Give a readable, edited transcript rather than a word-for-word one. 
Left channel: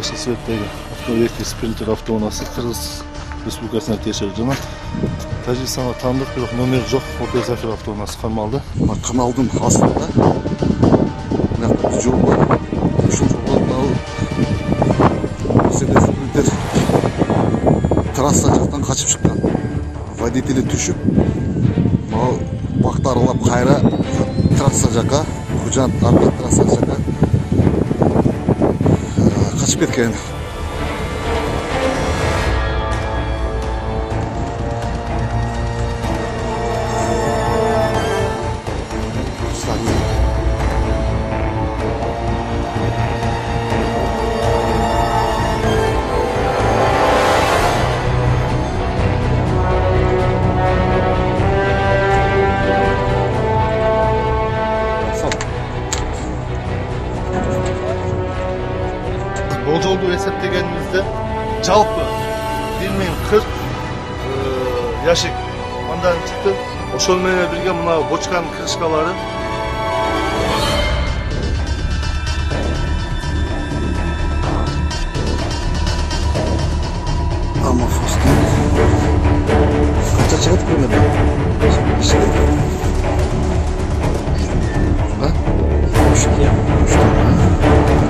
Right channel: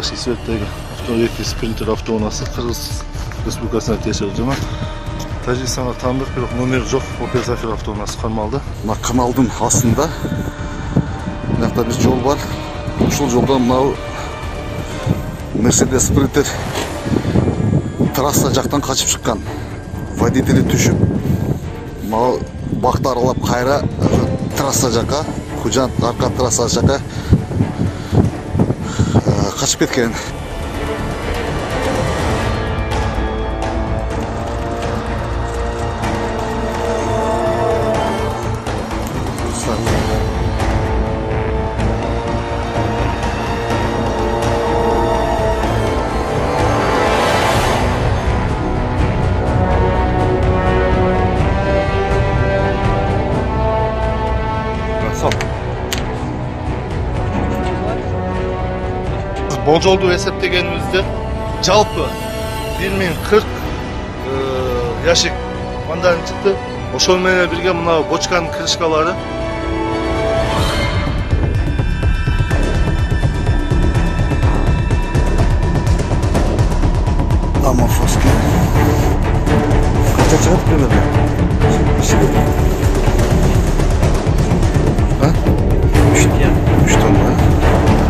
Жашыл цветтегі екі спринтер автоунасы Қырғыз Республикасына тиесілі жана Тәжікстанға тандық, бирок номер жоқ Opel Zafira автоунасы кармалды. Мына каналдын астында мынакта бир жол бар. Ушул жолдон мынау Mercedes Sprinter трасса жактан качып чыккан. Водители түшүп, мына бакты аралап кайра трасса жака, Кужан арка трасса жака качып кеткен. Болжолду эсептегенибизде жалпы 1040 яшик андан чыкты. Ошол менен бирге мына бочканын крышкалары Амофоски. Канча чыгат примерно? А? 3 тонна.